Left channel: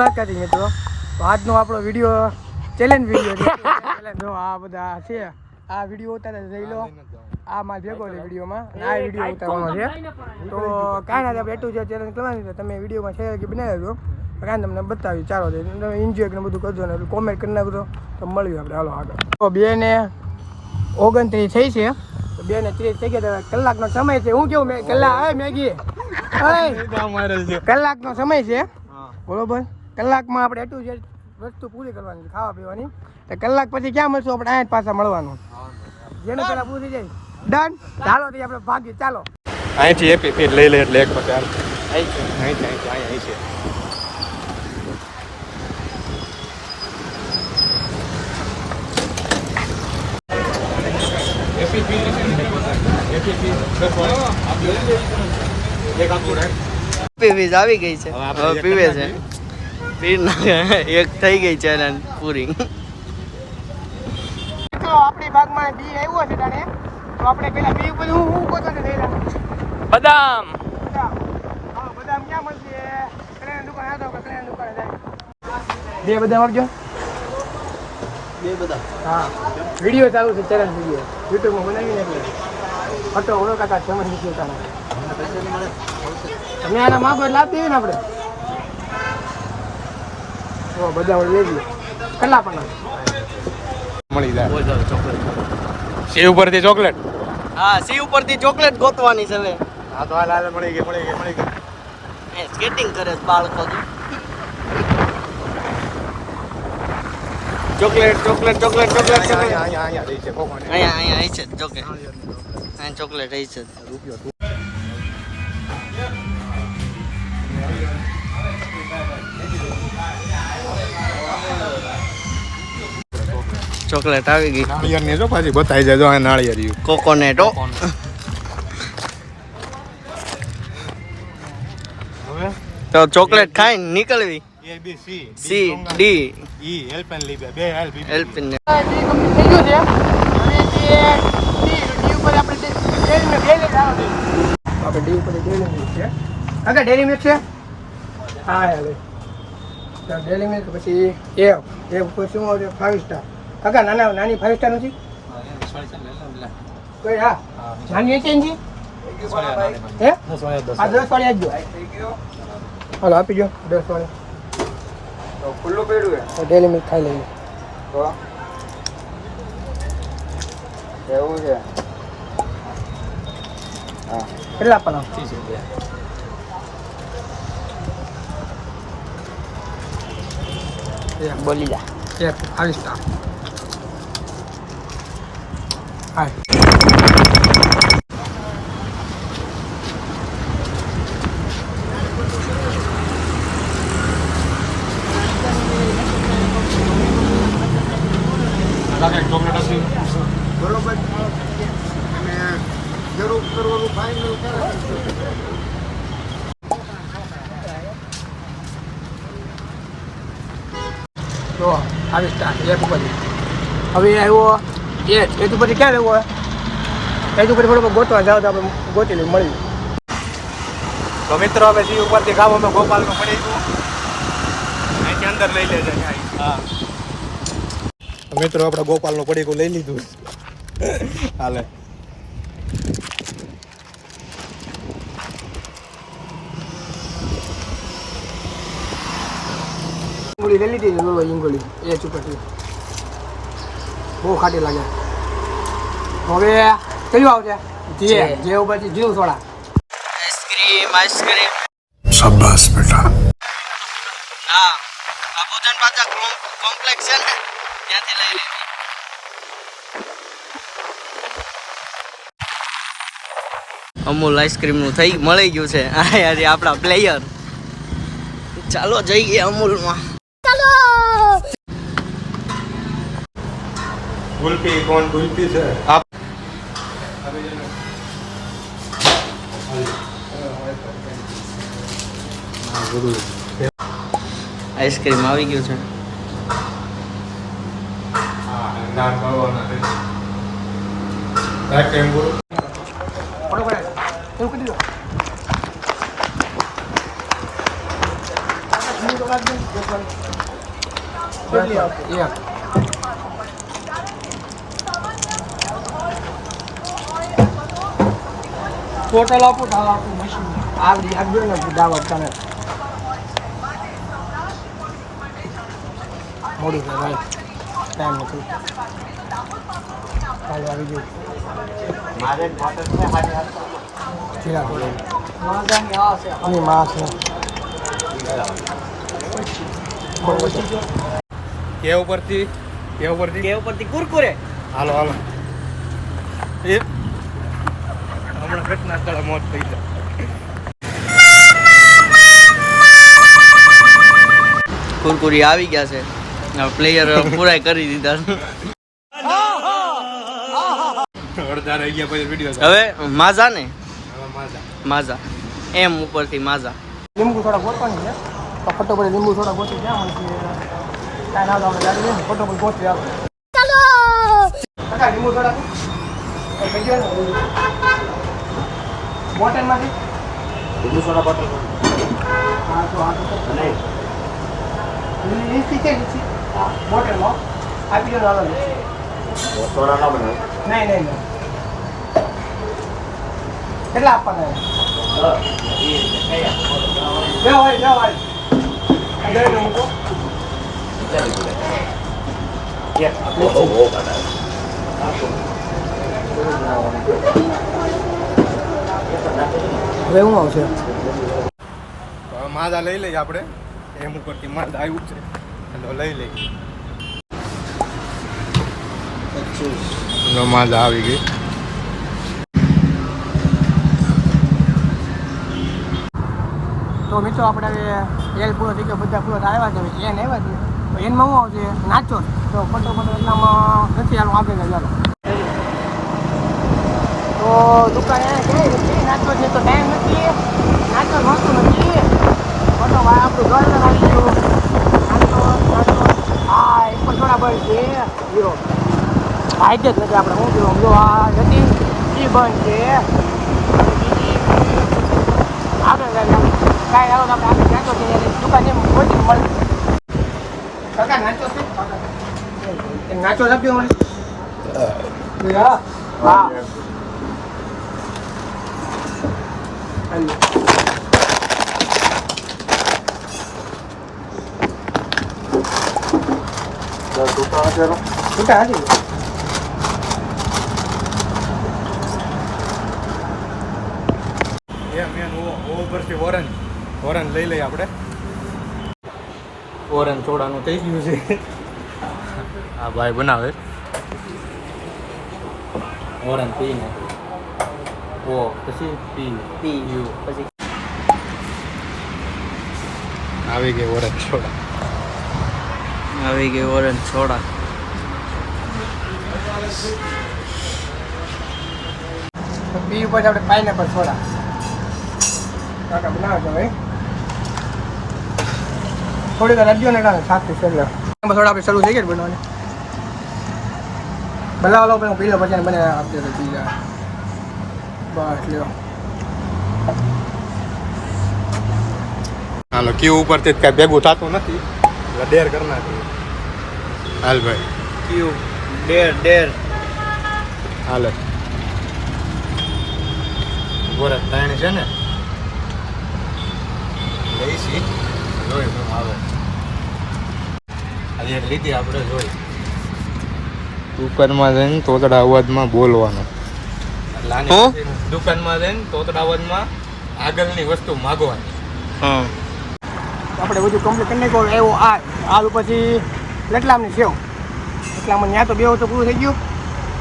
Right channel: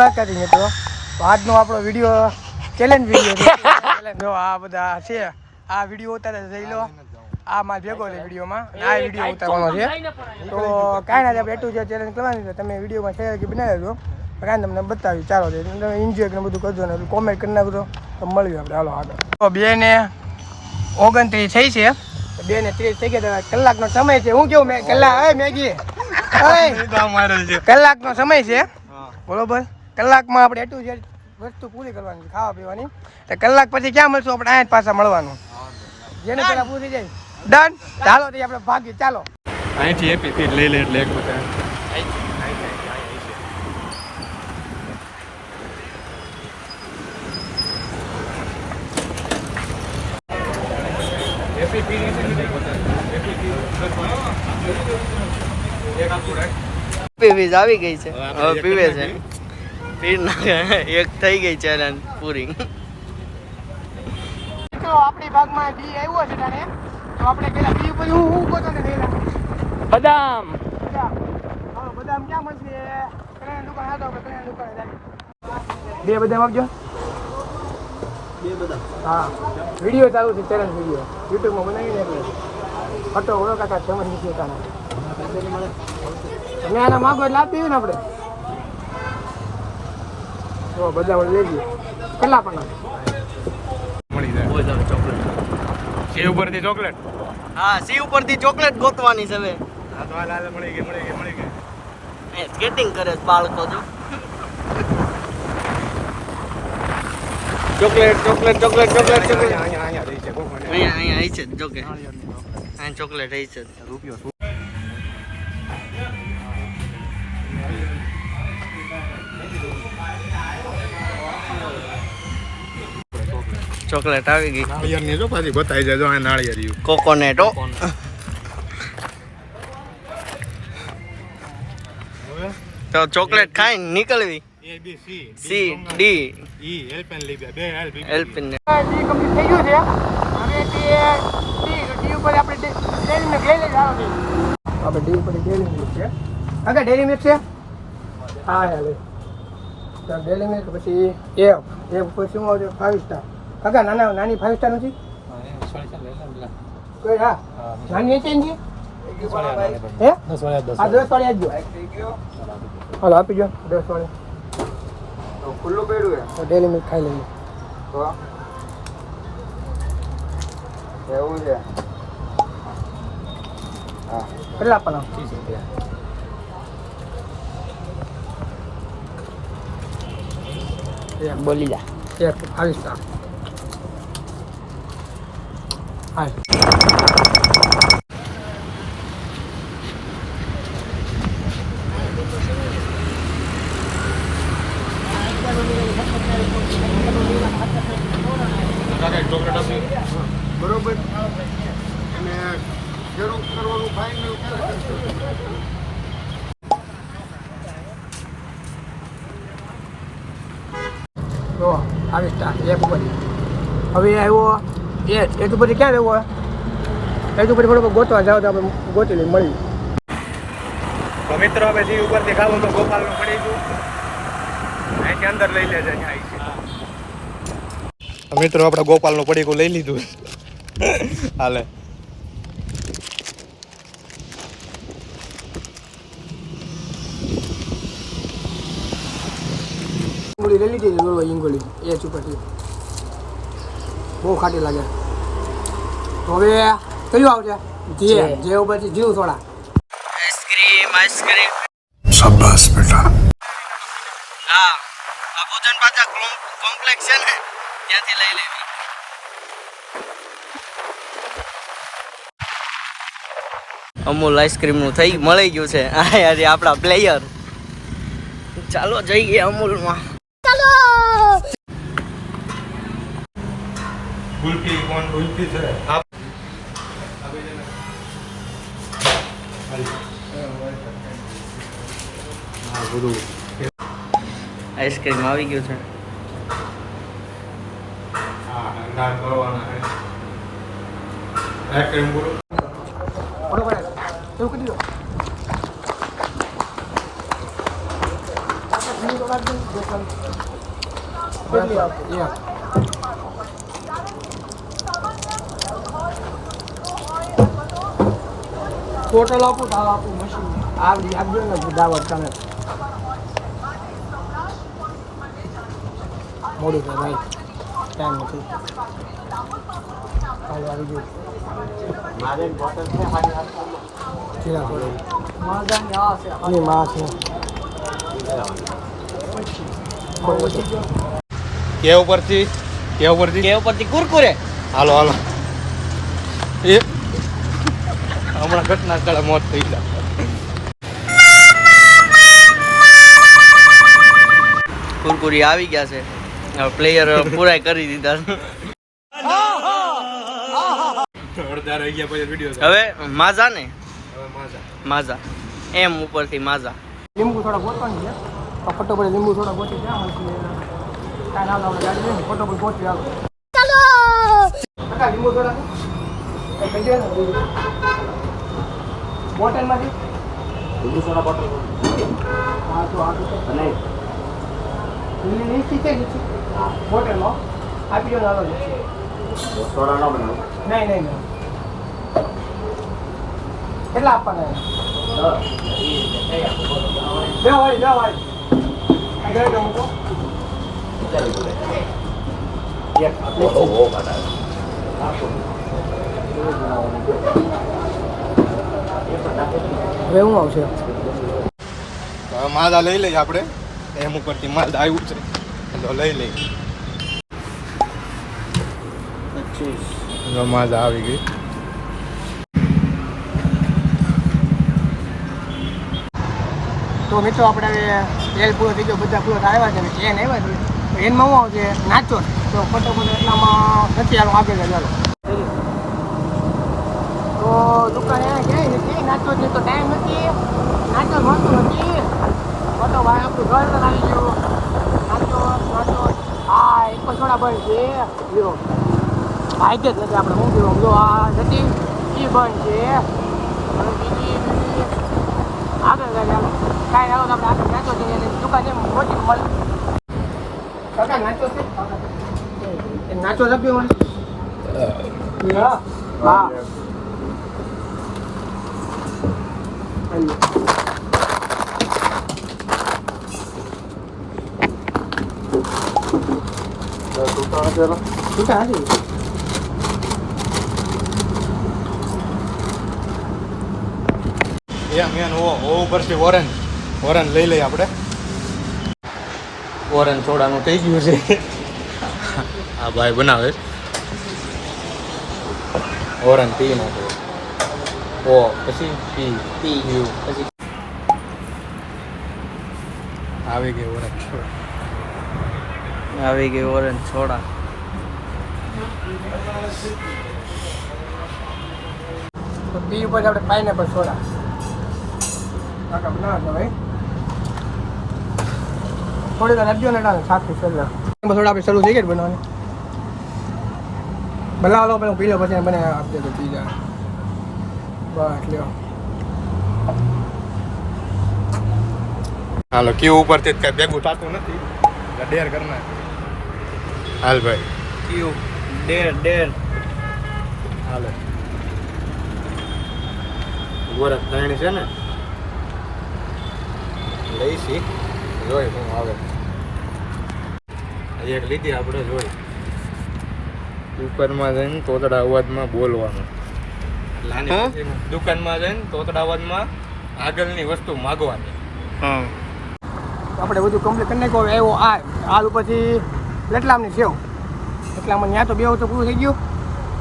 મિત્રો આજનો આપણો વિડીયો ચેલેન્જ વિડીયો આ બધા છે. આ વિડીયો ઉતારે જઈ લો. આ માર ભેગો છે વિડીયોમાં અને આ વિડીયો ઉતારવાનો છે. તો કાંઈ ના આપણે એટલું જે ચેલેન્જ કરવાની છે તમે વિડીયોમાં શેર કે બનાવી દેજો. કાંઈ તમને બતાવી ચાલો છે તમે એન્જોય કરીને બધું કરજો ને કોમેન્ટ કરી નાખજો તો મળીએ આપણે હાલો આગળ. તો 2:29 થઈ છે. 2:30 થઈ ગયા. કલાકનો સમય છે. હું કેવું કલાક મેગી કલાકનો સમય છે બરોબર. કલાકમાં આપણે એટલું જે વસ્તુ પૂરી કરવાની છે ખાવા પીવાની. તો કલાક પછી ક્યાં મળશું આપણે અહીંયા પાછા મળવાનું. જેને પેલા પૂરી જાય ડન. ચાલો તો આપણે ભાગીએ ચાલો. અહીંથી એપી ફીર લઈ લે એટલે એક બતાવ. એપી ફીર એપી ફીર એક આપું રે. પીવીજ આવી ગઈ છે. હવે પીવે છે. પીર એક થઈ ગઈ છે પૂરી. તો આપણી ભાગમાં ડી આવ્યો છે તારે. તો આપણે પેલા ડી ઉપર હું પોતાને લઈ લાવું. બદામ બદામ ક્યાં મળશે? કલ્યાણ દુકાન આવતો આપણે કલ્યાણ દુકાને જાય. 2 બદામ આપજો. 2 બદામ. હા વિડીયો ચાલુ છે ચેલેન્જ વિડીયો યુટ્યુબમાં બનાવીને આપણે ફટો ઓળો કાકા ચમન નીકળ્યો તમે તમે એના માગો એટલે આપી ને આપણે. ઓ બધા લેજો કેટલા પણ મળી જાય. સી ઉપરથી ચોકલેટ. હા સી ઉપરથી ચોકલેટ ગોતવાની છે હવે. હા તો હાલ મળી ગઈ. એ સ્કેટિંગ કરે છે બાળકો તો. ચોકલેટ અહીંયા આવી છે જોકે અહીંયા ચોકલેટ આવી છે. ચોકલેટ આવી ગઈ. નાળિયેર ને જો પાછી બતાવી જાય. જો આ નાળિયેર કોકોનેટો. તો ચોકલેટ ખાઈને નીકળવી. સી ડી ઈ એલ્પેન લીબે બે એલ્પિન થઈ ગયું છે અને તે ડી ઉપર આપણે ડેરી મિલ્ક લઈ લઈ આવો આપણે ડી ઉપર ડેરી મિલ્ક છે. કાકા ડેરી મિલ્ક છે. હા લે તો ડેરી મિલ્ક પછી એ ઉપર શું આવશે 5 સ્ટાર. કાકા નાની 5 સ્ટાર નથી કોઈ. હા નાની છે હે આ 10 વાળી આપજો. હાલો આપી જો 10 વાળી. ખુલ્લું પડ્યું તો ડેલી મિલ્ક ખાઈ લઈએ. એવું છે. હા કેટલા પણ 30 રૂપિયા. બોલી જા. 5 સ્ટાર. હા ચોકલેટ આપી. બરોબર. અને જરૂર કરવાનું ફાઇનલ કરે. જો 5 સ્ટાર એક ઉપર. હવે આવ્યો એ તો પછી ક્યાં રહેવો? એ તો પછી થોડુંક ગોતવા જાવ તો આપણે ગોતી લઈએ મળી. તો મિત્રો હવે જે ઉપરથી ખાવું અમે ગોપાલનું પડી ગયું. અહીંથી અંદર લઈ લેજે. હા મિત્રો આપણે ગોપાલનું પડીકું લઈ લીધું. હાલે ઇંગોળી લઈ લીધી બોલો. ઇંગોળી એ ચૂપટી બહુ ખાટી લાગે. હવે કયું આવશે? જે ઉપરથી જીવ સોડા. આઈસ્ક્રીમ શાબાશ બેટા. હા બાપુજન પાછા કોમ્પ્લેક્સ છે ને ત્યાંથી લઈ લે. અમૂલ આઈસ્ક્રીમ નું મળી ગયું છે. આ યાર આપણા પ્લેયર. ચાલો જઈએ અમૂલમાં. ગુલ્ફી કોણ ગુલ્ફી છે આપ. હા બધું આઈસ્ક્રીમ આવી ગયું છે. હા ના ખાવાના છે. આઈસ્ક્રીમ બોલો. એવું કરી દો. કેટલી આવશે? એક. ટોટલ આપું તો આપું મશીન આવડી આપજો ને દાવત તને મોડું થાય ભાઈ ટાઈમ નથી કાલે આવી ગયું જીરા થોડી અને માસ ને કે ઉપરથી કુરકુરે હાલો હાલો એ હમણાં ઘટના સ્થળે મોત થઈ જાય. કુરકુરી આવી ગયા છે પ્લેયર પૂરા કરી દીધા અડધા રહી ગયા પછી વિડીયો હવે માઝા ને માજા માઝા એમ ઉપરથી માઝા લીંબુ થોડા ગોતવાની છે તો ફટોફટ લીંબુ થોડા ગોતી ક્યાં હોય છે કાંઈ ના આપણે ગાડી લઈને ફટોફટ ગોતી આવે ચાલો લીંબુ થોડા બોટલમાંથી લીંબુ સોના બોટલ હા તો નહીં લીસી છે લીસી બોટલમાં આપી દો આવે સોડા ના બનાવે નહીં કેટલા આપવાના બે હોય મૂકો રહેવું આવશે માદા લઈ લઈએ આપણે એમ ઉપરથી માલ આવ્યું છે એટલે લઈ લઈએ માદા આવી ગઈ તો મિત્રો આપણે હવે તેલ પૂરો થઈ ગયો બધા પૂરો આવ્યા છે ચેન આવ્યા છે તો એનમાં શું આવશે નાચો તો ખોટો એટલામાં નથી આલો આગળ ચાલો તો દુકાને ક્યાંય નથી નાચો છે તો ટાઈમ નથી નાચો મળતું નથી ખોટો ભાઈ આપણું ઘર આવી ગયું નાચો હા એક પણ થોડા બંધ છે હીરો હાઈટ જ નથી આપણે શું જોયું જો આ નથી એ બંધ છે બીજી આગળ કાંઈ આવો આપણે આગળ નાચો છે દુકાન એમ ખોટી મળે કાકા નાચો છે નાચો લખ્યો મળે હા હા છૂટા હતી એમ ઉપરથી ઓરેન્જ લઈ લઈએ આપણે ઓરેન્જ સોડાનું થઈ ગયું છે હા ભાઈ બનાવે ઓરેન્જ પી નાખો ઓ પછી પી યુ પછી આવી ગઈ ઓરેન્જ સોડા આવી ગઈ ઓરેન્જ સોડા તો પી ઉપર આપણે પાઇનેપલ સોડા કાકા બનાવે છે ભાઈ થોડીક રજ્યો ને કાંઈ સાચું સોડા સોડા આપણે શરૂ થઈ ગઈ બનાવવાની બનાવો લો પછી પી લો પછી બને આપજો તો પી જાય બસ લ્યો હાલો ક્યુ ઉપરથી કાંઈ ભેગું થતું નથી એટલે ડેર કરી નાખીએ હાલ ભાઈ ક્યુ ડેર હાલે વરસ ત્રણ છે ને લઈશી જોઈ શું આવે આજે એક લીધી આપણે જોઈ દુકાનમાં જઈને તોતડા અવાજમાં બોલવાનું એટલે આની પછી દુકાનમાં જઈને તોતડા અવાજમાં આગળની વસ્તુ માગવાની હા આપણે બધું કમ્પ્લીટ કરી નાખ્યું એવો આ પછી રતલામની સેવ રતલામમાં ત્યાં તો બે તો પૂરું થઈ ગયું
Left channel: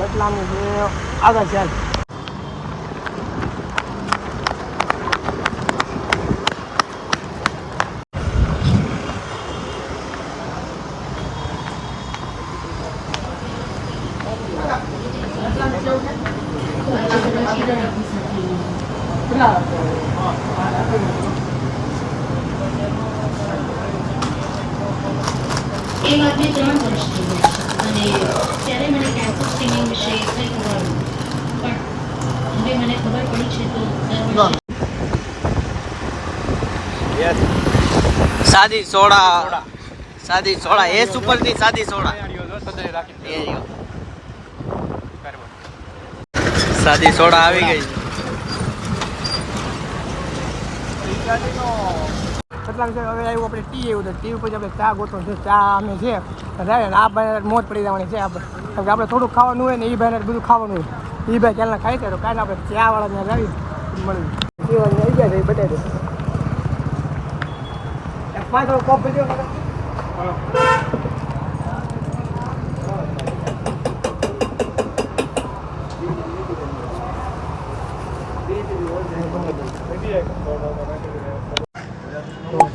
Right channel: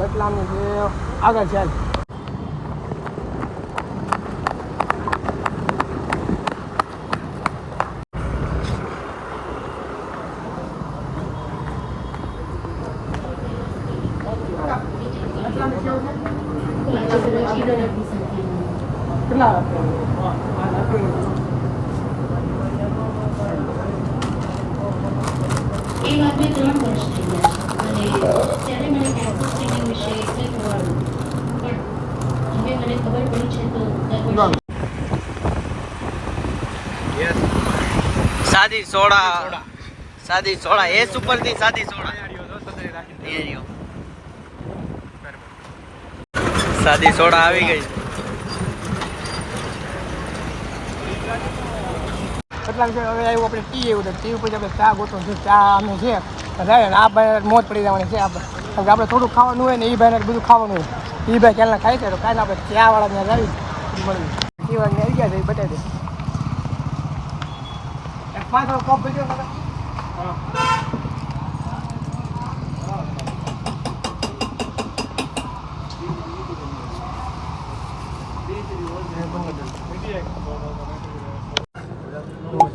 રતલામની સેવ આગળ ચાલ એ વાતને 3 વર્ષ થઈ ગયા અને ત્યારે મને કેમ્પસ સ્વિમિંગ વિશે કંઈ ખબર નહોતી પણ હવે મને ખબર પડી છે તો દર વર્ષે સાદી સોડા સાદી સોડા એ સુપરની સાદી સોડા એ રહ્યો. સાદી સોડા આવી ગઈ. કેટલાક છે હવે આવ્યું આપણે ટી એવું તો ટી ઉપર આપણે ચા ગોતો છે ચા અમે છે થાય ને આ ભાઈ મોત પડી જવાની છે આપણે કારણ કે આપણે થોડું ખાવાનું હોય ને એ ભાઈને બધું ખાવાનું હોય એ ભાઈ ક્યાંના ખાય છે તો કાંઈ આપણે ચાવાળા ત્યાં લાવી મળવી એ વાળી આવી ગયા છે એ બતાવી દે પાંચ કપ ભેજો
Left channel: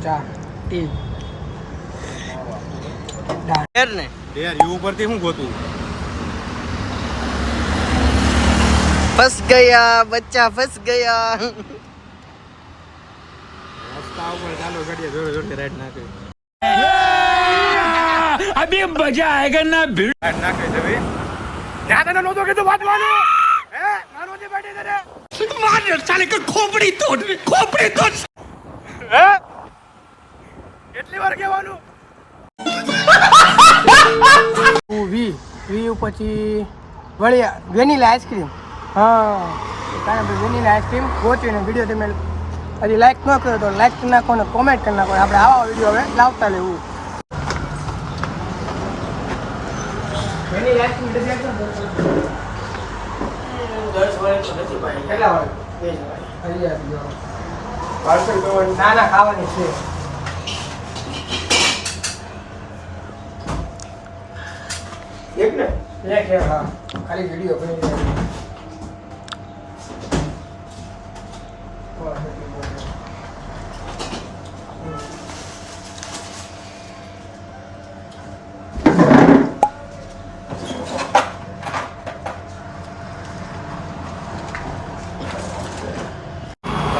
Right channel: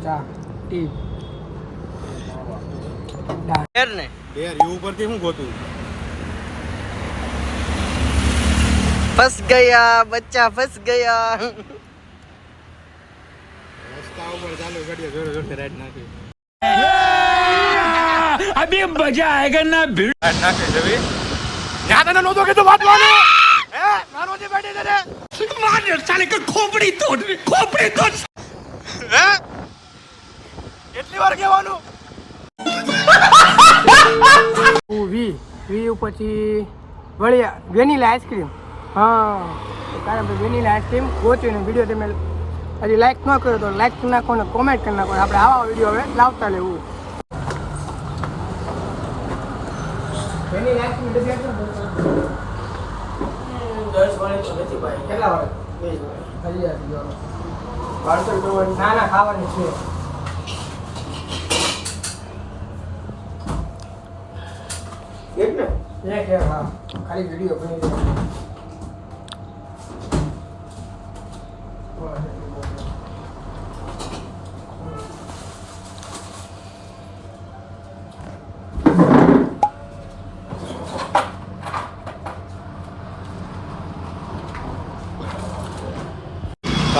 ચા ટી ડેર ને ડેર યુ ઉપરથી શું ગોતું ફસ ગયા બચ્ચા ફસ ગયા. રસ્તા ઉપર ચાલો ગાડીએ જોડે જોડે રાઈડ નાખે अभी मजा आएगा ना भिड़. રાઈડ નાખે જવી ત્યાં તને નહોતો કીધું વાંચવાનું હે નાનો જે બેઠી તને मार साले का खोपड़ी तोड़ હે કેટલી વાર કહેવાનું વી વી પછી વળી વેનીલા આઈસ્ક્રીમ હા કારણ કે વેનીલા આઈસ્ક્રીમ ગોચવીને વિડીયો તમે હજી લાઈક ન કર્યો તો લાઈક કરી નાખો ને કોમેન્ટ કરી નાખો આપણે આવા વિડીયો હવે લાવતા લેવું વેનીલા આઈસ્ક્રીમ કેટલા વાળે ના ના ખાવાની છે એક ને એક હા ખાલી વિડીયો બની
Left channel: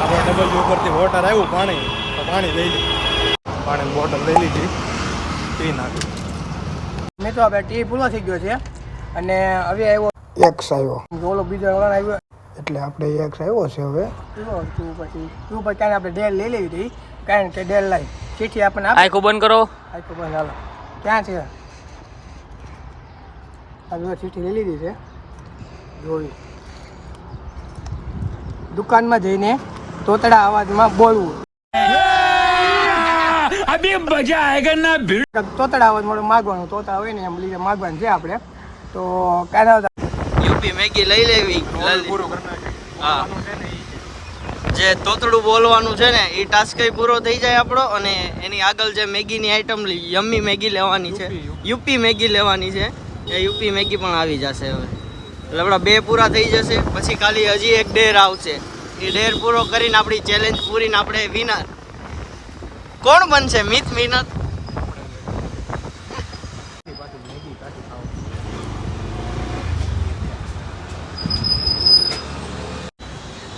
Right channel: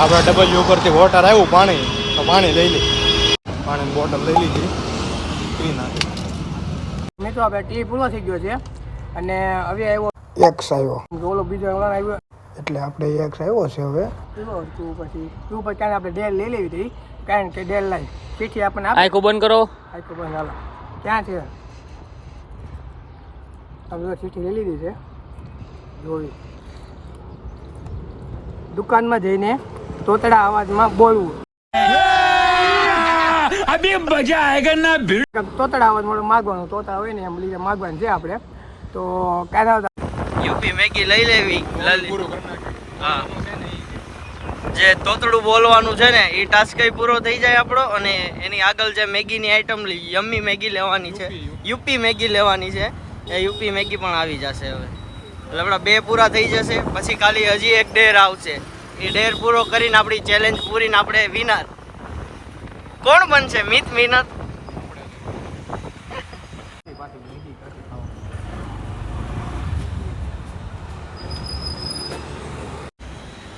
આપણે ડબલ ઉપરથી વોટર આવ્યું પાણી તો પાણી લઈ લે પાણીની બોટલ લઈ લીધી પી નાખી મેં તો આપણે ટી પૂરો થઈ ગયો છે અને હવે આવ્યો એક્સ આવ્યો ઓલો બીજો વળાણ આવ્યો એટલે આપણે એક્સ આવ્યો છે હવે તું પછી ક્યાંય આપણે ડેલ લઈ લેવી હતી કારણ કે ડેલ લાવી ચીઠી આપણને આંખો બંધ કરો. આખો બંધ હાલો ક્યાં છે હવે ચીઠી લઈ લીધી છે જોઈ દુકાનમાં જઈને તોતડા અવાજમાં બોલવું अभी मजा आएगा ना भिड़. તોતડા અવાજ મળે માગવાનું તોતડા હોય ને એમ લીધે માગવાનું છે આપણે તો કાંઈ યુપી મેગી લઈ લેવી. પૂરું કરી નાખી હા જે તોતડું બોલવાનું છે ને એ ટાસ્ક પૂરો થઈ જાય આપણો અને એની આગળ જે મેગીની આઈટમ યમ્મી મેગી લેવાની છે યુપી મેગી લેવાની છે એ યુપી મેગી પણ આવી જશે હવે એટલે આપણા 2 પૂરા થઈ જશે પછી ખાલી હજી એક ડેર આવશે એ ડેર પૂરો કરીને આપણી ચેલેન્જ પૂરીને આપણે વિનર કોણ બનશે મિત વિનર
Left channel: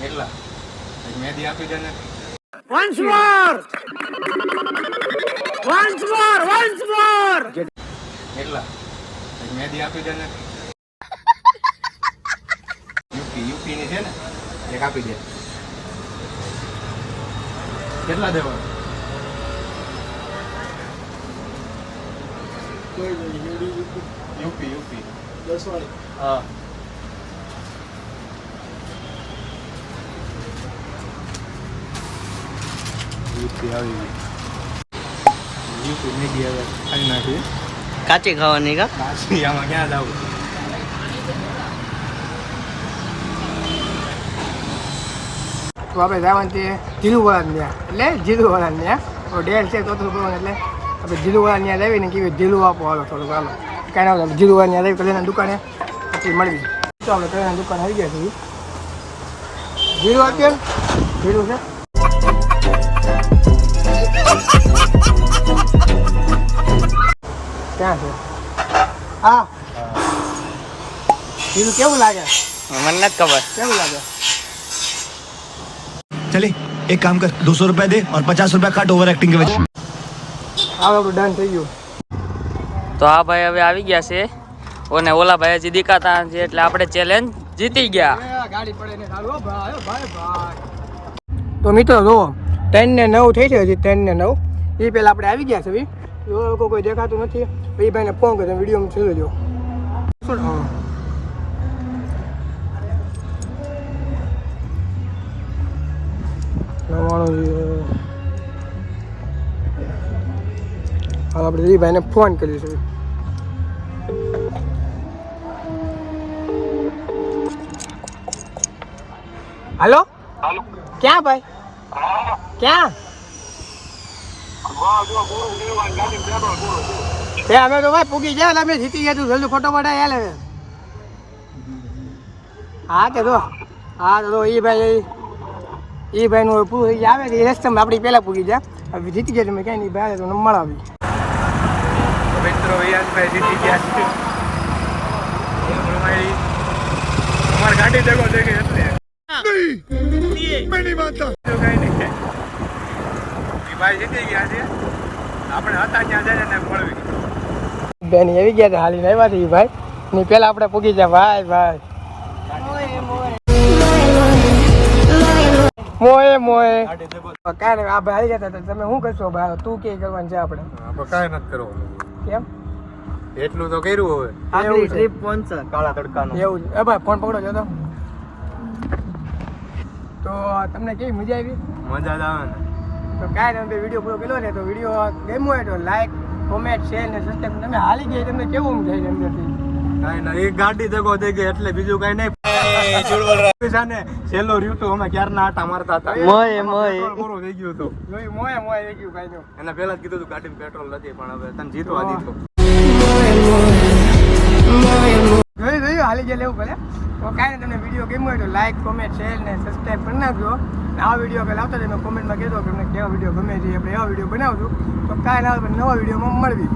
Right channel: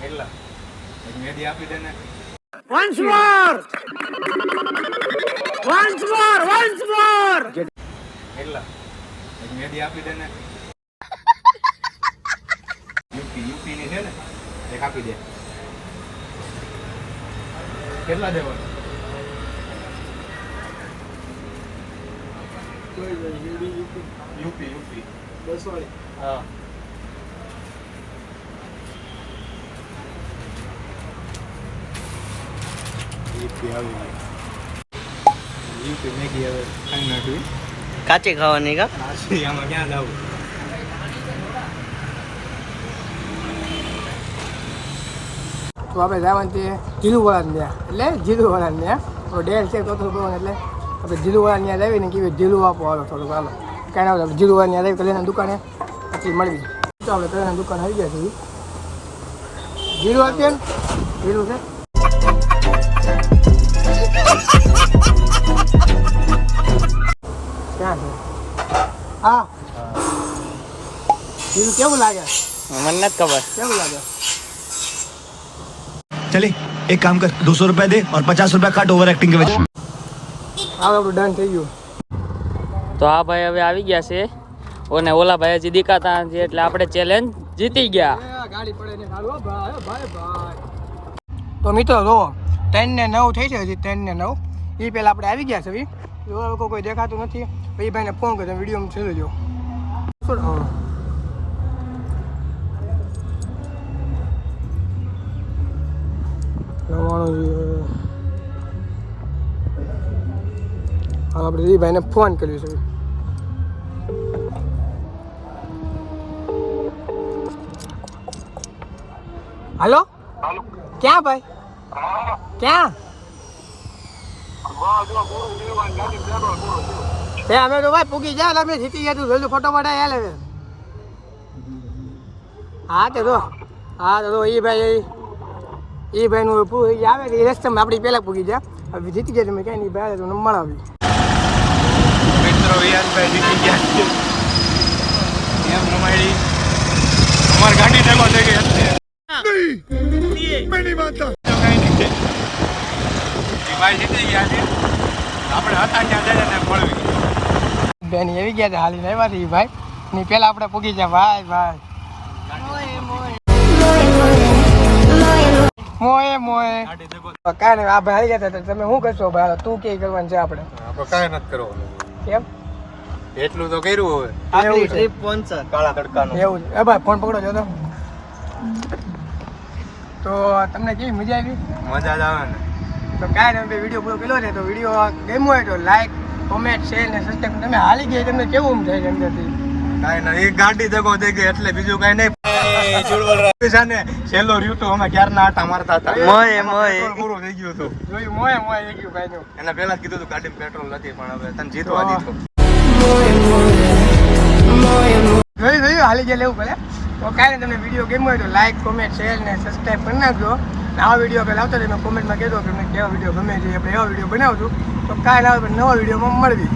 એટલા એક મેદી આપી દે ને એટલા એક મેદી આપી દે ને યુપી ની છે ને એક આપી દે કેટલા દેવાનું યુપી 10 વાળી હા યુપી આવી ગઈ યુપી મેગી હવે ખાઈ નાખવી કાચી ખાવાની કા પાછી આમાં ક્યાં જવું તો આપણે જવાનું છે જીલુવાળા ત્યાં એટલે જીલુવાળા ત્યાં ડેલ છે તો બોલવાનું એટલે આપણે જીલુવાળા ત્યાં લાવીને કેવી જીલું આપો હાલો થોડુંક હાલો કાંઈ ના જીલુવાળા ત્યાં લાવી કલ્યાણની દુકાને પછી મળવી તો આપણે કલ્યાણની દુકાન આવી ગયા છીએ જીલું આપીએ એમ જીલું છે ક્યાં છે હા જીલું કેવું લાગે મને નથી ખબર કેવું લાગે चले एक काम कर 200 रुपए दे और 50 रुपए काट ओवर एक्टिंग के वजह હવે આપણું ડન થઈ ગયું તો આ ભાઈ હવે આવી ગયા છે અને ઓલા ભાઈ હજી દેખાતા છે એટલે આપણે ચેલેન્જ જીતી ગયા. ગાડી પડે ને ચાલો ભાઈ ભાઈ ભાઈ તો મિત્રો જો 3 ને 9 થઈ છે હજી 3 ને 9 એ પહેલા આપણે આવી ગયા છે એવા લોકો કોઈ દેખાતું નથી. એ ભાઈને ફોન કર્યો વિડીયો જોઈ લેજો. શું હા આપણે એ ભાઈને ફોન કરીશું. હાલો ક્યાં ભાઈ ક્યાં તે અમે તો ભાઈ પૂગી ગયા એટલે અમે જીતી ગયા તું જલ્દી ફોટો પડાય હાલે. હા તે તો એ ભાઈનું પૂરી આવે એ રસ્તામાં આપણી પહેલાં પૂગી ગયા. હવે જીતી ગયા તમે ક્યાંય નહીં ભાઈ તો નંબર આવી. મિત્રો વિયાનભાઈ જીતી ગયા છે એમ રમાડી અમારી ગાડી ભેગો થઈ ગઈ એટલે ભાઈ જીતી ગયા છે. આપણે હતા ત્યાં જઈને મળવી બેન આવી ગયા હતા હાલીને આવ્યા છે એ ભાઈ ને પહેલાં આપણે પૂગી ગયા ભાઈ મોએ મોએ કાંઈ નહીં આ ભાઈ હારી ગયા હતા તમે શું કરશો ભાઈ તું કે કરવાનું છે આપણે કાંઈ નથી કરવાનું કેમ એટલું તો કર્યું હવે આપણી ટ્રીપ પહોંચશે કાળા તડકાનું એવું છે એ ભાઈ ફોન પકડો છો તો તમને કેવી મજા આવી મજા જ આવે ને. તો કાંઈ નહીં વિડીયો પૂરો કર્યો છે તો વિડીયો ગમ્યો હોય તો લાઈક કોમેન્ટ શેર ને સબસ્ક્રાઈબ તમે હાલી ગઈ તમને કેવું થાય છે અંદરથી કાંઈ નહીં એક ગાડી જગો થઈ ગઈ એટલે બીજું કાંઈ નહીં. છેલ્લો રહ્યું તો અમે ક્યારના આટા મારતા હતા મોય પૂરું થઈ ગયું હતું. જોયું મોએ મોએ થઈ ગયું ભાઈ એના પહેલા જ કીધું હતું ગાડીમાં પેટ્રોલ નથી પણ હવે તને જીતવા દીધો. જોયું હાલી ગયા લેવું પડે તો કાંઈ નહીં તમને વિડીયો ગમ્યો હોય તો લાઈક કોમેન્ટ શેર ને સબસ્ક્રાઈબ કરી નાખજો. આવા વિડીયો પહેલાં આવતા તમે કોમેન્ટમાં કહેજો કે તમને કેવા વિડીયો ગમે છે આપણે એવા વિડીયો બનાવશું તો કાંઈ ના નવા વિડીયોમાં મળવી.